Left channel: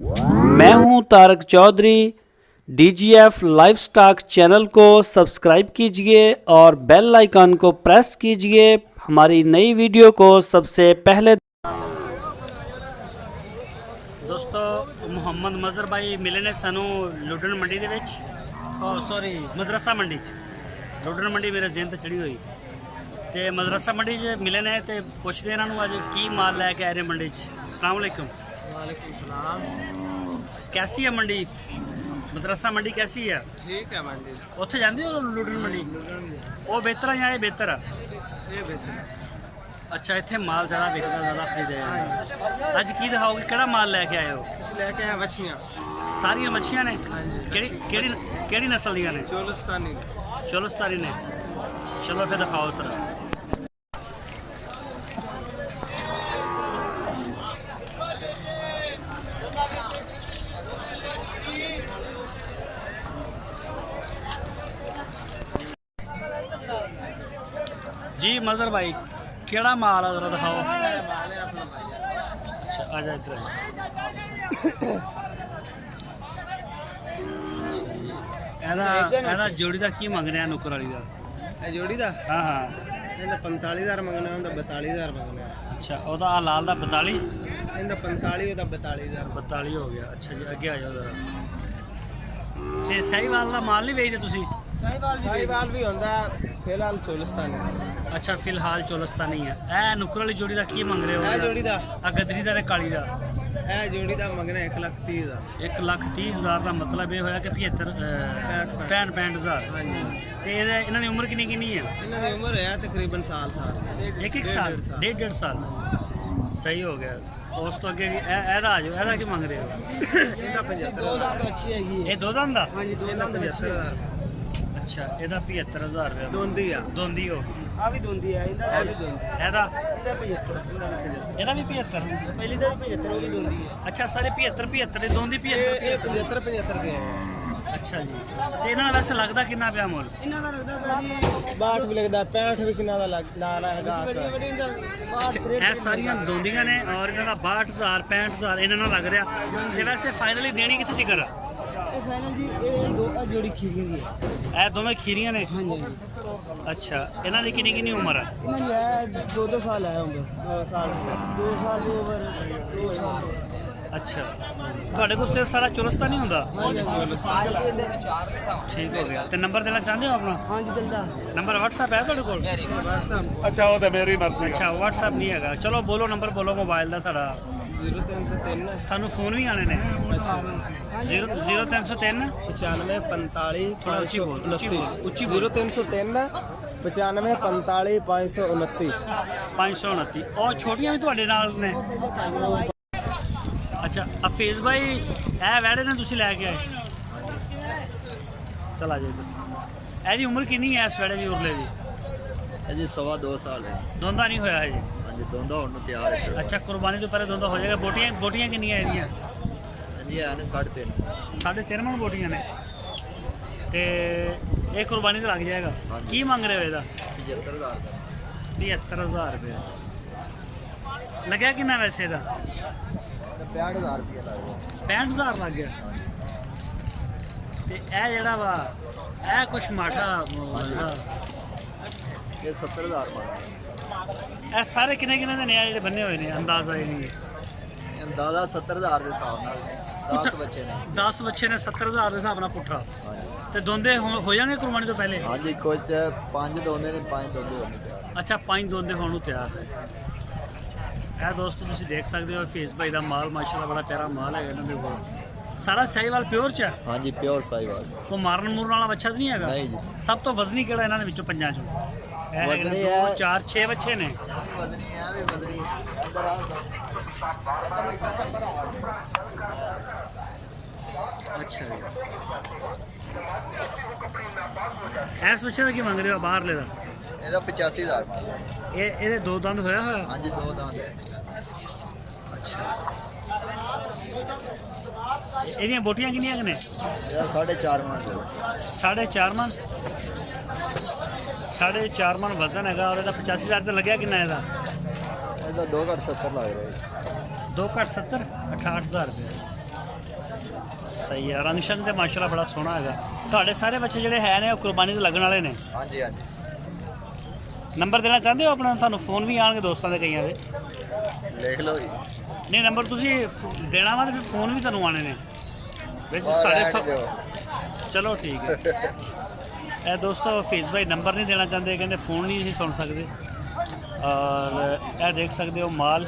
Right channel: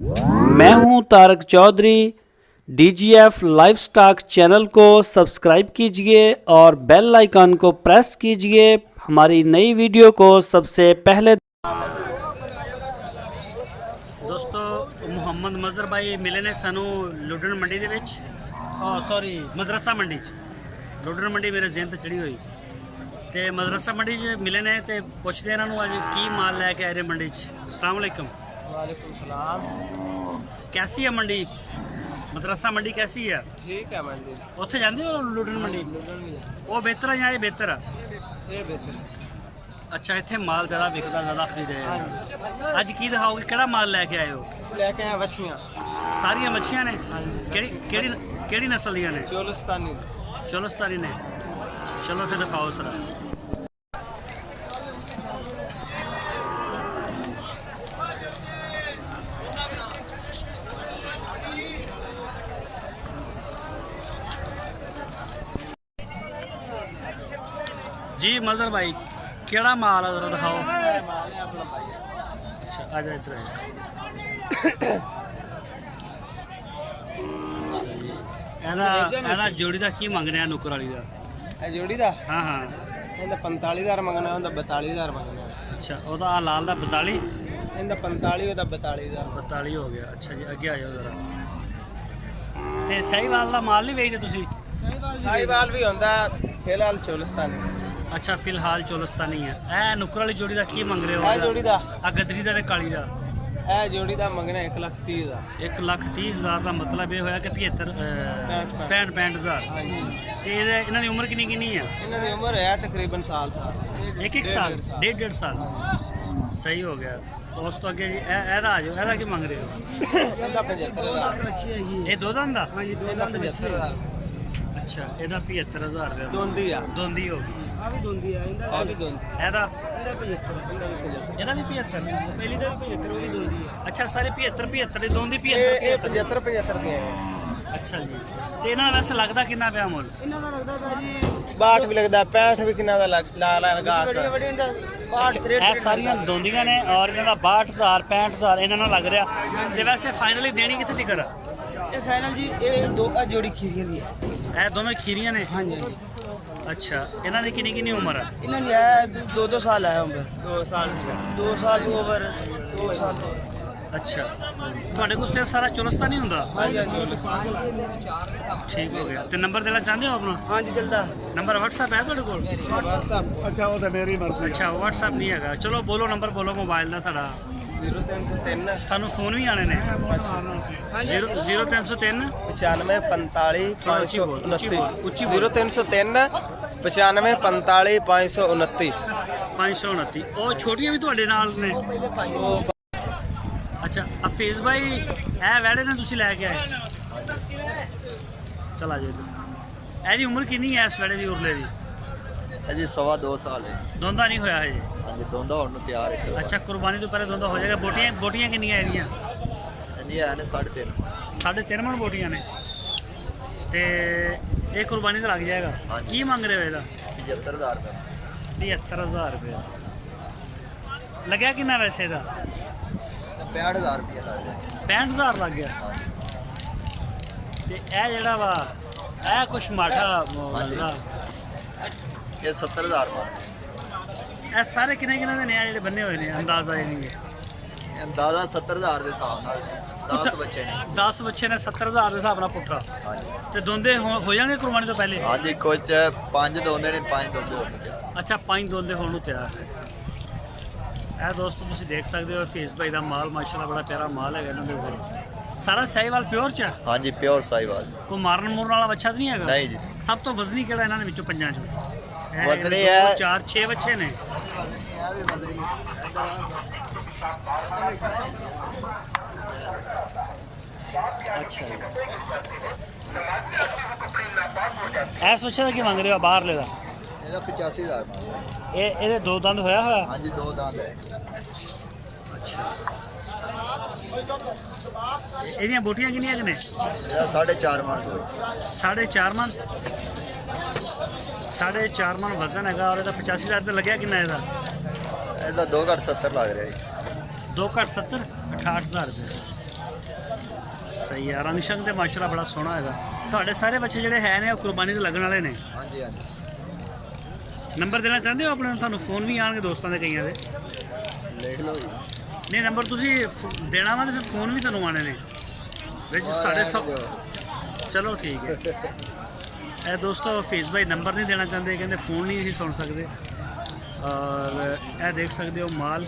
मैं हूं Tarak Chaudhary. DGF livestock channel को सब्सक्राइब कीजिए और बेल आइकन को प्रेस कीजिए हमारी नई वीडियो को सबसे पहले। दोस्तों मुहम्मद मजहर भाई मिले ने सानू लुडन मंडी दे विच, सॉरी मदरसा मंडी च। लुडन मंडी मेरे जेहन ते चढ़ी हुई ते मदरसा मंडी च मिले ने ते पुछदे इन्हां नूं अज की माल लैके आए रे मंडी च। अस्सलाम वालेकुम। वालेकुम सलाम। कैसी है मंडी? मदरसा मंडी कैसी है? ठीक है मंडी। उत्थे जांदे हो लुडन मंडी? वो बेहतर है या ये बेहतर है? ये बेहतर है। अच्छा, इत्थे माल ज़्यादा विकदा, ज़्यादा खरीदे जांदा। अज की दिखाओगे, किहड़ा माल लैके आए हो? लेके आए मछलियाँ। सारियां मच्छियां ने? हाँ जी। केड़ी नस्ल दियां ने? चोलिस्तानी। चोलिस्तानी ने। चलो फिर दिखाओ सरा। जी मजहर भाई, केड़ा माल है जरा दिखाओ। माल है अपना भाई। अच्छा आ जा इधर। एदा जोड़ी का की मंग रहे हैं नुकर वाली का? जोड़ी का? हाँ हाँ। ਇਹਦਾ 45000 ਮੰਗਣਾ ਹੁੰਦਾ, 42000 ਮੰਗਣਾ। अच्छा ਉਹਦਾ ਆ ਲਾਲ ਦਾ 42? ਇਹਦਾ 45 ਉਹਦਾ 42000। 42 ਹੋ ਗਿਆ। ਅੱਛਾ ਜੀ ਅੱਗੇ ਆ ਜਾਓ ਜ਼ਰਾ। ਤੇ ਸਹੀਵਾਲ ਦਾ ਮਾਲ ਨਹੀਂ ਵੇਚਦੇ ਤੁਸੀਂ? ਸਾਈਵਾਲ ਵੀ ਹੁੰਦਾ, ਫਿਲਹਾਲ ਚੋਲਿਸਤਾਨੀ। ਅੱਛਾ ਫਿਲਹਾਲ ਚੋਲਸਤਾਨੀ ਹੈ। ਇਹ ਨੁਕਰ ਵਾਲੀ ਜੋੜੀ ਦਾ ਕੀ ਮੰਗ ਰਹੇ ਹੋ? ਇਹ ਜੋੜੀ ਦਾ? ਆ ਗਦਰੀ ਦਾ ਤੇ ਕਾਲੀ ਦਾ? ਇਹ ਜੋੜੀ ਦਾ ਮੰਗਣਾ 1,30,000। 1,30,000 ਦਾ ਮਤਲਬ ਇਹ ਹੋਇਆ ਕਿ 65,000। ਹਾਂਜੀ। ਤੇ ਇਹਨਾਂ ਦੀ ਉਮਰ ਕਿੰਨੀ ਕਿੰਨੀ ਆ? ਇਹਨਾਂ ਦੀ ਉਮਰ ਹੈ ਤਕਰੀਬਨ ਸਾਲ। ਇੱਕ ਸਾਲ, ਡੇਢ ਸਾਲ। ਸਹੀ ਹੋ ਗਿਆ। ਉਸ ਤੋਂ ਅੱਗੇ ਜੀ ਇਹਦਾ ਆ ਜਾਓ। ਇਹਦਾ ਕੀ ਮੰਗ ਰਹੇ ਹੋ? ਇਹਦਾ 75,000। ਇਹ ਦੋ ਦੰਦ ਦਾ? ਹਾਂਜੀ, ਇਹਦਾ 75,000। ਅੱਛਾ ਇਹਦਾ 75,000 ਰੁਪਏ। ਦੋਂਦੀ ਆ। ਦੋਂਦੀ ਹੋ ਗਈ। ਆ ਵੀ ਦੋਂਦੀ ਆ। ਇਹਦਾ ਵੀ ਦੋਂਦੀ। ਇਹਦਾ? ਇਹਦਾ 75। ਇਹਦਾ ਵੀ 75? ਪਹਿਲੀ ਦਾ ਵੀ 75, ਉਹ ਵੀ ਦੋਂਦੀ ਆ। ਅੱਛਾ ਸਾਰੇ 75 ਦੀ ਦੋਂਦੀ 75 ਦੀ ਆ। ਅੱਛਾ ਜੀ। ਤੇ ਇਹਨਾਂ ਦਾ ਵੈਸੇ ਲੱਗਦਾ ਕਿੰਨਾ ਪਿਆ ਮੁੱਲ? ਇਹਨਾਂ ਦਾ ਲੱਗਦਾ ਭਾਜੀ 62 ਵੀ ਲੱਗਦਾ, 65 ਵੀ ਕਿੰਨਾ ਦਾ ਲਾ ਲਗਾ। ਇਹ ਸਾਰੀਆਂ ਦੋਂਦੀਆਂ ਨੇ ਔਰ ਇਹਨਾਂ ਦਾ 62,000 65,000 ਇਹਨਾਂ ਨਾਲ ਲੱਗ ਰਿਹਾ। ਤੇ ਵੈਸੇ ਫਾਈਨਲੀ ਦੇਣੀ ਕਿੱਥੇ ਤੀਕਰ? ਇਹ ਫਾਈਨਲ ਜੀ ਇਹ ਦੋ ਜੋੜੀ ਖੀਰੀਆਂ ਦੀ ਹੈ। ਇਹ ਦੋਵੇਂ ਖੀਰੀਆਂ ਨੇ? ਹਾਂਜੀ ਹਾਂਜੀ। ਅੱਛਾ ਇਹਨਾਂ ਦੀ ਕਿੰਨੀ ਉਮਰ ਹੈ? ਇਹਨਾਂ ਦੀ ਹੈ 2 ਸਾਲ ਹੈ ਉਮਰ। 2 ਸਾਲ ਦੀ ਉਮਰ। 2 ਸਾਲ। ਅੱਛਾ ਤੁਹਾਡੇ ਕੋਲ ਤੇ ਸਾਰਾ ਚੁਲਸਤਾ ਨਹੀਂ ਹੁੰਦਾ? ਹਾਂਜੀ ਠੀਕ ਹੋ ਗਿਆ। ਤੇ ਨੰਬਰ ਦੇਣਾ ਚਾਹੁੰਦੇ ਹੋ ਆਪਣਾ? ਹਾਂਜੀ ਚੱਲਦਾ। ਨੰਬਰ WhatsApp ਹੈ ਤੁਹਾਡੇ ਕੋਲ? ਅੱਛਾ ਉਹ ਤਾਂ ਮੇਰੀ ਮਰਜ਼ੀ। ਅੱਛਾ WhatsApp ਨਹੀਂ ਹੈਗਾ। ਚਲੋ ਬੋਲੋ ਨੰਬਰ ਬੋਲੋ ਮੋਬਾਈਲ ਦਾ ਤੁਹਾਡਾ। 0303 ਤੁਹਾਨੂੰ ਫੋਨ ਵੀ ਆਣੇ ਨੇ? 0303 95 45 ਥੋੜਾ ਉੱਚੀ ਬੋਲ, ਉੱਚੀ ਬੋਲ। 0303 95 45 529 529। ਉਹ ਛੋਟੀਆਂ ਵੀ ਤੁਹਾਡੇ ਨਾਲ ਨੇ? ਅੱਛਾ ਅਫੀਜ਼ ਭਾਈ ਇਹ ਵੈੜੇ ਨੇ ਤੁਸੀਂ ਲੈ ਕੇ ਆਏ? ਚਲ ਆ ਜਾਓ ਇੱਧਰ। ਇਹਦੀ ਉਮਰ ਕਿੰਨੀ ਹੈ ਇਸ ਵੈੜੇ ਦੀ ਉਰਲੇ ਦੀ? जी 2.25 साल है। ਦੋਂਦਾ ਨਹੀਂ ਹੋਇਆ ਹਜੇ? हाँ जी दोंदा होने तैयार है। ਅੱਛਾ ਕੁਰਬਾਨੀ ਤੋਂ ਪਹਿਲੇ ਦੋਂਦਾ ਹੋ ਜਾਏਗਾ। ਬੋਟੀਆਂ ਕਿੰਨੀਆਂ ਇਹਦੀਆਂ? जी है 3.5। 3.5 ਮਣ ਬੋਟੀਆਂ ਨੇ ਤੇ ਇਹ ਕੁਰਬਾਨੀ ਤੇ ਲੱਗ ਜਾਏਗਾ। ਕੀ ਮੰਗ ਰਹੇ ਹੋ ਇਹਦਾ? 75,000 75,000 ਰੁਪਏ। ਲੱਗਿਆ ਕਿੰਨਾ ਵੈਸੇ ਇਹਦਾ? 65,000 रुपये। 65,000 ਲੱਗ ਗਿਆ। ਤੇ ਇਹ ਜਿਹੜਾ ਵਾ ਇਹ ਕੁਛ ਮਾਠਾ ਲੱਗਦਾ। ये 70,000। ਇਹ ਸਾਰੇ ਕਿੰਨੇ ਦੇ ਨੇ ਆ ਜਿਹੜੇ ਬੰਨੇ ਹੋਏ ਨੇ? ਅੰਦਾਜ਼ਾ ਇਹ ਨਹੀਂ अंदाजा 70,000 के हिसाब नाल 10 बच्चे ने। 10 ਬੱਚੇ ਨੇ 70,000 ਦੇ ਹਿਸਾਬ ਨਾਲ ਪੁੱਠਾ। ਤੇ ਦੋਂਦੇ ਹੋ ਜਾਣਗੇ ਕੁਰਬਾਨੀ ਤੋਂ ਪਹਿਲੇ? हाँ जी कुछ 5 दोंदे ने 5 दोंदे होने। ਅੱਛਾ 5 ਦੋਂਦੇ ਹੋਣ ਨੂੰ ਤਿਆਰ ਨੇ। ਇਹ ਦੋਸਤੋ ਤੁਸੀਂ ਦੇਖ ਸਕਦੇ ਹੋ ਫੇਸ ਭਾਈ ਦਾ ਮਾਲ ਮਾਸ਼ਾਅੱਲਾ ਬੜਾ ਪਿਆਰਾ ਮਾਲ ਹੈਗਾ ਇਹਨਾਂ ਦੇ ਕੋਲ। ਸਾਰਾ ਸਾਈਵਾਲ ਪਿਓਰ ਚ ਹੈ? हाँ जी प्योर साहिवाल। ਕੋਈ ਮਾਰਨ ਮੂਰਨ ਵਾਲਾ ਬੱਚਾ ਤਾਂ ਨਹੀਂ ਹੈਗਾ? नहीं जी। ਸਭ ਤੋਂ ਵਜ਼ਨੀ ਕਿਹੜਾ ਇਹਨਾਂ ਦੇ ਵਿੱਚੋਂ ਪੰਜਾਂ ਚੋਂ? ਵਜ਼ਨੀ ਹੈ 2 4 6 ਬੱਚੇ ਨੇ। वजनी है भी वजनी। ਅੱਛਾ ਜੀ। ਐਸ ਬੱਚੇ ਦਾ ਕੀ ਮੰਗ ਰਹੇ ਹੋ ਬਾਹਰਲੇ ਦਾ? ਇਹਦਾ 85,000। ਇਹਦੇ ਦੋ ਦੰਦ ਹੋਇਆ? हाँ जी 2 दांत। ਅੱਛਾ ਇਹਦੀਆਂ ਬੋਟੀਆਂ ਕਿੰਨੀਆਂ ਕਿ ਨੇ? ਇਹਦਾ 4.5 मन। 4.5 ਮਣ। 4.5 ਮਣ ਵਜ਼ਨ ਹੈਗਾ ਔਰ ਇਹਦਾ 85,000 ਤੇ ਲੱਗਿਆ ਕਿੰਨਾ ਇਹਦਾ? ਇਹਦਾ 2 ਘੱਟ 70 ਲੱਗ ਰਿਹਾ ਜੀ। 2 ਘੱਟ 70 68,000 रुपये। ਸਹੀ ਹੈ, ਰੰਗ ਸ਼ੰਗ ਤੇ ਮਾਸ਼ਾਅੱਲਾ ਬੜਾ ਸੋਹਣਾ ਹੈਗਾ। ਤੁਹਾਡੇ ਸਾਰੇ ਬੱਚੇ ਜਿਹੜੇ ਹੈ ਨੇ ਉਹ ਕੁਰਬਾਨੀ ਤੇ ਲੱਗਣ ਵਾਲੇ ਨੇ। ਹਾਂਜੀ ਹਾਂਜੀ ਨੰਬਰ ਦੇਣਾ ਚਾਹੁੰਦੇ ਹੋ ਆਪਣਾ? ਤੁਹਾਨੂੰ ਫੋਨ ਵੀ ਆਉਣਗੇ ਦੋਸਤਾਂ ਦੇ ਕਈਆਂ ਦੇ। ਲਿਖ ਲਓ ਜੀ। ਨਹੀਂ, ਨੰਬਰ ਤੁਸੀਂ ਦੇਣਾ ਵਾ ਤੇ ਫਿਰ ਫੋਨ ਵੀ ਤੁਹਾਨੂੰ ਆਉਣੇ ਨੇ ਵਿੱਚ ਸਾਡੇ ਸਭ। ਚਲੋ ਠੀਕ ਹੈ। ਇਹ ਦੋਸਤੋ ਫੇਸ ਭਾਈ ਨੰਬਰ ਨਹੀਂ ਦੇਣਾ ਚਾਹੁੰਦੇ, ਕਹਿੰਦੇ फ़ोन नहीं ਅਸੀਂ ਸੁਣ ਸਕਦੇ। और ਇਹ ਦੇਖ ਸਕਦੇ ਹੋ ਮਾਲ